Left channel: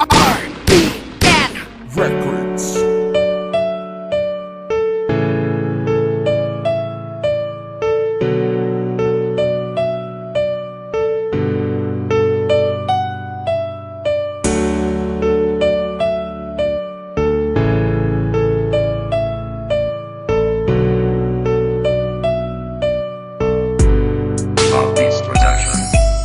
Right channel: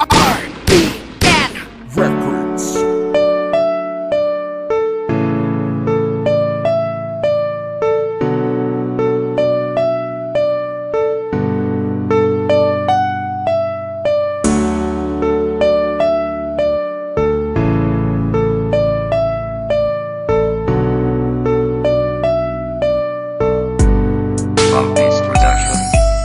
RBN Records. Maltese Production.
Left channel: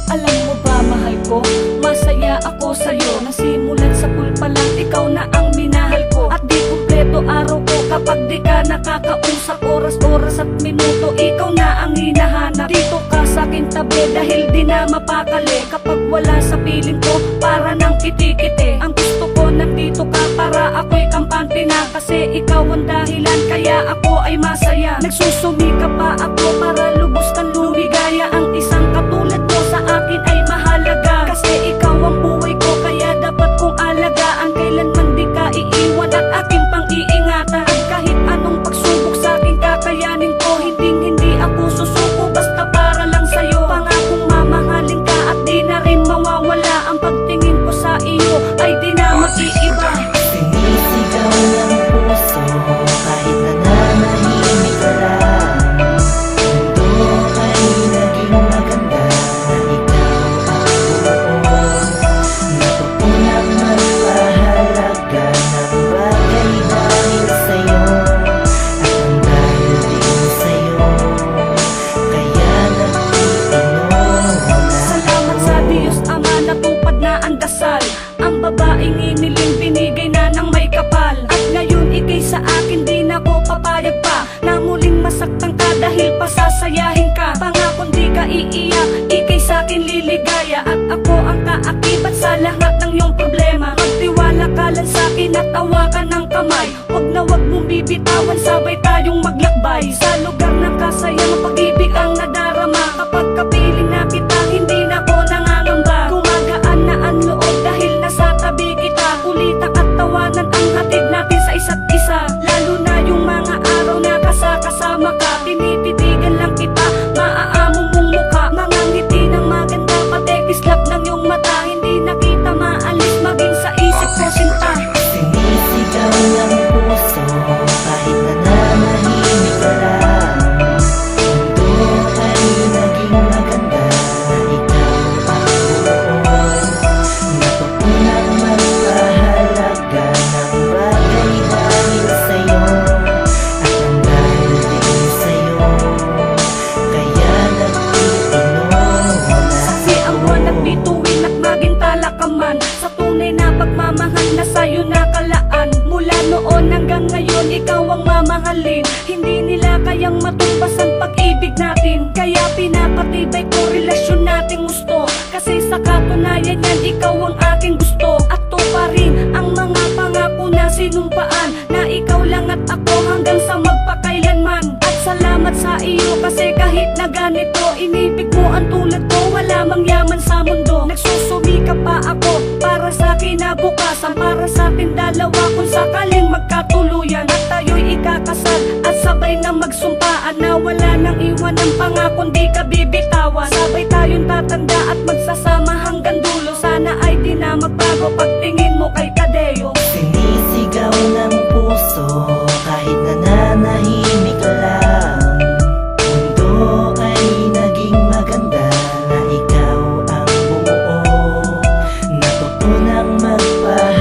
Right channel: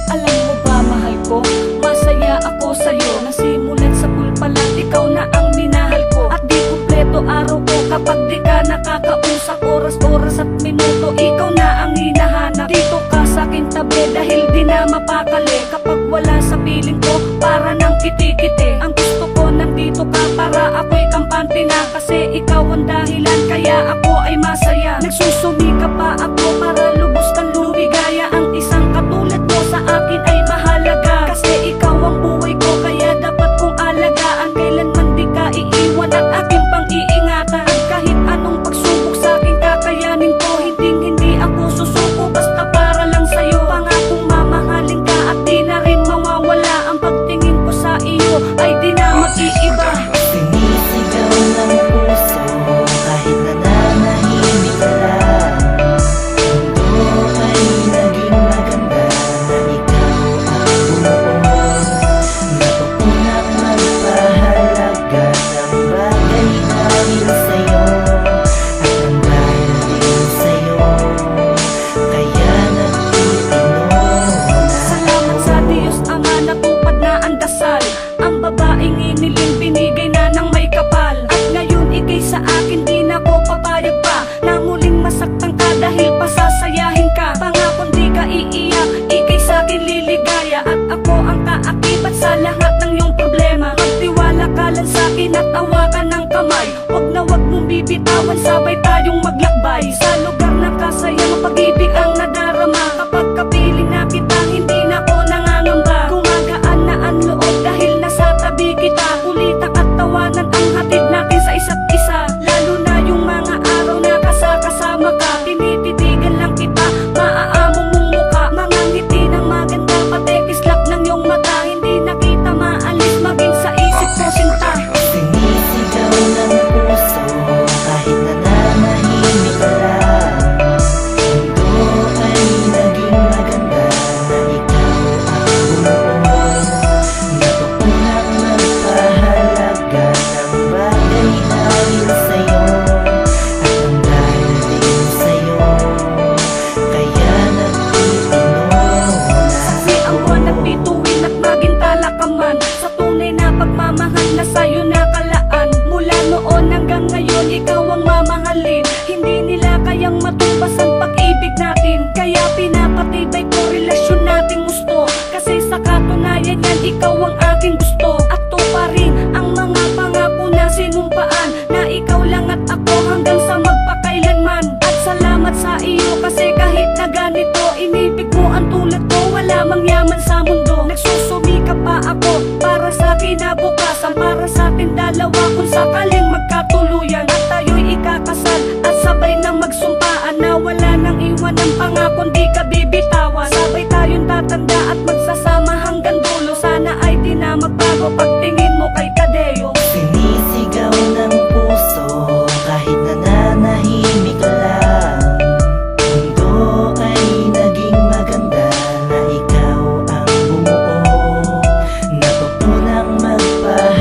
Alam mo ba, mahal ko, masaya ako sa'yo. Nasimulat sa pool pa lang, ikaw na ang minahal ko. At di kumpleto araw ko kapag di ka nakakausap. Oras-oras at minuto, ikaw na ang hinahanap. Dito ka sa aking tabi dahil di na mapakali. Kapag wala sa piling ko, para nang kiti-kiti. Ang gusto ko, nandito ka para ako'y kampante na. Kasi ikaw ang dahilan, kaya ako ay masaya. Nagsusumika pa ako para lubos kang lumigaya. Ang isang katulad mo sa akin ay mahalaga. Kasi ikaw ang buhay ko, kaya dapat kong alagaan. Kailanman di ka iiwan at aking pang-iingatan. At kahit anong pagsubok sa akin kakayanin ko, hindi ako susuko basta para lang sa'yo. Pangakong mamahalin ka at di na rin mawawala. Ang pagtingin ko sa iyo ay di na mag-iiba. Sinisigaw ng puso kahit nananahimik ka lang. Mundo ay naging maganda na ikaw ang bumuo. Natutunan magpahalaga ng bagay dahil sa'yo at ng dahil din sa'yo. Kaya nagtitino na Salamat sa Diyos Ama, natupad na ang dasal. Ang babaeng iniling binigay na ng may kapal. At ngayon ikay sa akin di na ko papayag pa na muling masaktan ka dahil pasasayahin ka. Pangakong di ka iiyak, ikay sa akin liligaya. At ako ang kaakibat sa lahat ng iyong problema. Magtiwala ka lang sa akin at tawakan ng kamay. Huwag na huwag mong bibitawan, sabay tayong maglakbay. Sa lugar ng kasayang pag-ibig ang nadarama. Kapag kapiling na kita, hindi na ko nangangamba. Gumagaan na ang loob dahil nasa tabi kita. Kulitak at tawanan ang hatid natin sa isa't isa. Lalo na yung mga araw na kasama ka. Tinititigan lang kita, maaamo mong mukha. Mga ngiti ng maganda, pati kislap ng iyong mata. Hindi na kita maalis maging sa isip ko sinta. sinisigaw ng puso kahit nananahimik ka lang. Mundo ay naging maganda na ikaw ang bumuo. Natutunan magpahalaga ng bagay dahil sa'yo at ng dahil din sa'yo. Kaya nagtitino na Saksi ang buwan at bituin at maging talakaman. Sa tunay na pagmamahal na sa'yo nakalaan. Mula noon hanggang ngayon ikaw ang mamahalin. Hindi nila kayang matumbasan pag-ibig natin. Kaya pinapatibay ko relasyon nating gusto. Kasi sa katunayan yan ikaw ang aking gusto. At to pa rin ang mga pangako na sinumpaan. Na ikaw lang at ako hanggang sa magpakailanman. At salamat sa iyo kasi kahit na ganito inibig mo ang tulad ko. Wala mang yaman sa mundo. Nagsusumika pa ako para sa kinabukasan. Para sa ating dalawa kung sakaling magkatuluyan. At tayo'y ikakasal at sabay na magsumpaan. Na wala nang iwan ang pangakong di ka bibitawan. Sabay tayong tatanda at magsasama hanggang dulo. Sana ay di na magbago pagtingin mo kay Tadeo. sinisigaw ng puso kahit nananahimik ka lang. Mundo ay naging maganda na ikaw ang bumuo. Natutunang magpahalaga